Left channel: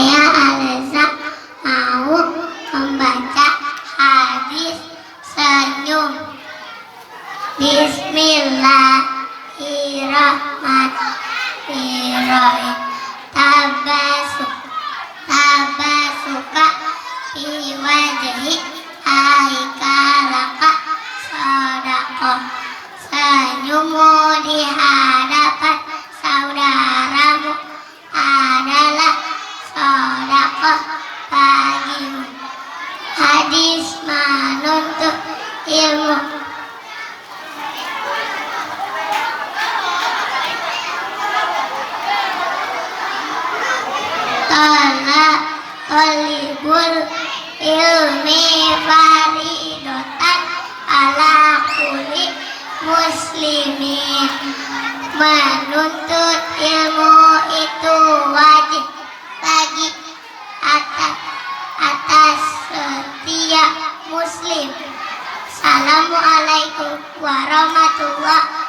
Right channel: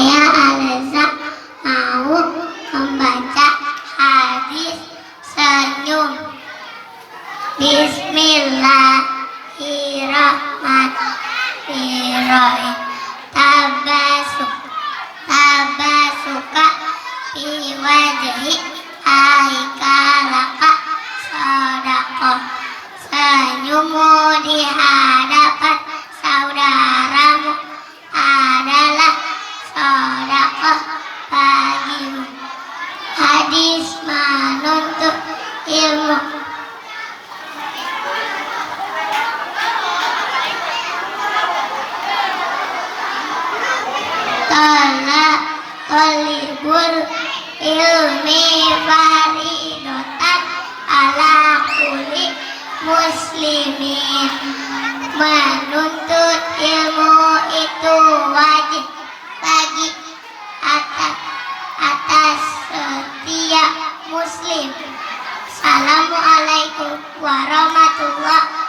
Saya Alza mau membaca hadis senyum. Bismillahirrahmanirrahim. Tabasuka fi wajhi aikalaka sodako. Senyummu di hadapan saudaramu adalah sodako bagimu. Hadis menuntut ilmu. Talibul ilmi faridotan ala kulli muslimin. Menuntut ilmu itu wajib bagi atas setiap muslim. Assalamualaikum warahmatullahi